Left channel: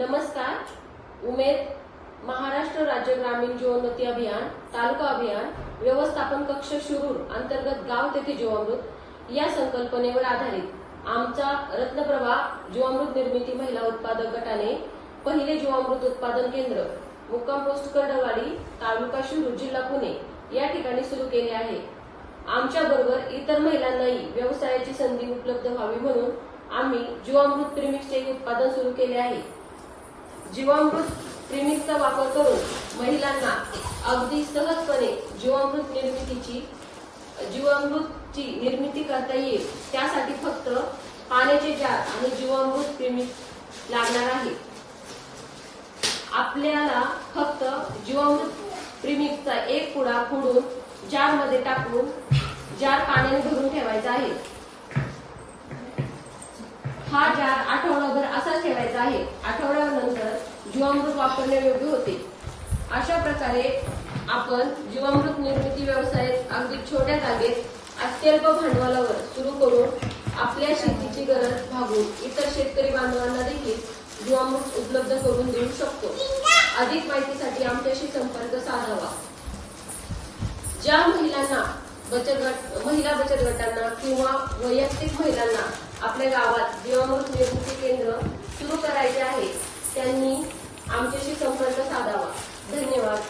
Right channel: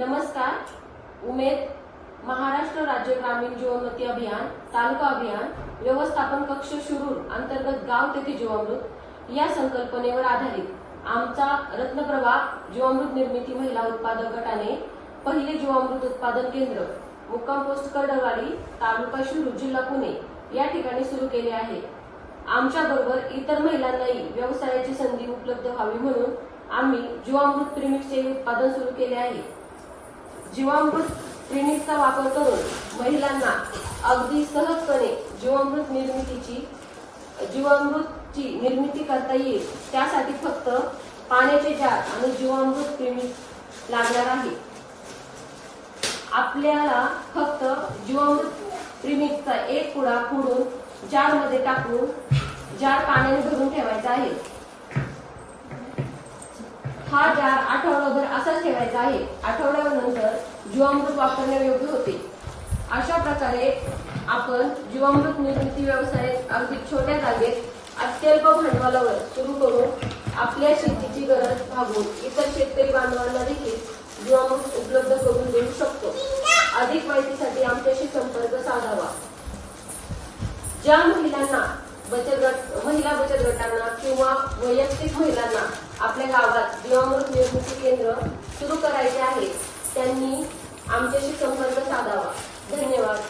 नमस्कार। उमेद महाराष्ट्र राज्य ग्रामीण जीवनोन्नती अभियान तालुका अभियान व्यवस्थापन कक्ष शिरूर अंतर्गत गाव तेथे जीवामृत या संकल्पनेवर आधारित आमचा रत्नप्रभा जीवामृत निर्मिती महिला उत्पादक गटाने पहिले जीवामृत उत्पादन केंद्र मुक्काम पोस्ट कर्डवाडी तालुका शिरूर जिल्हा पुणे या ठिकाणी सुरू केले आहे। आमच्या बरोबर इतर महिलांनाही व्यवसायाची संधी उपलब्ध व्हावी म्हणून आम्ही जीवामृत प्रीमिक्सचे उत्पादन सुरू केले आहे। जीवामृत प्रीमिक्सचा वापर करून महिलांना अगदी सहजपणे जीवामृतची निर्मिती करता येईल। त्यासाठी फक्त पाण्याचे जार आणि जीवामृत प्रीमिक्स लागणार आहे। आपल्याला फक्त जीवामृत प्रीमिक्सचा एक पुडा फोडून जार मध्ये टाकून जार पाण्याने भरून ठेवायचा आहे। हा जार आठवडाभर असाच ठेवायचा आहे। आठवड्यानंतर जीवामृत वापरण्यायोग्य होते। अशा प्रकारे आपण जीवामृत निर्मिती व्यवसाय अगदी छोट्या जागेत अत्यल्प भांडवलावर सुरू करून आपल्या शेतीची गरज भागवून इतर शेतकरी बांधवांना देखील जीवामृत उपलब्ध करून देऊ शकतो। अधिक माहितीसाठी आमच्याशी संपर्क साधावा। ज्या महिला बचत गटांना किंवा वैयक्तिक महिलांना आपल्या गावात जीवामृत निर्मिती केंद्र सुरू करायचे आहे त्यांनी आमच्याशी संपर्क साधावा। धन्यवाद।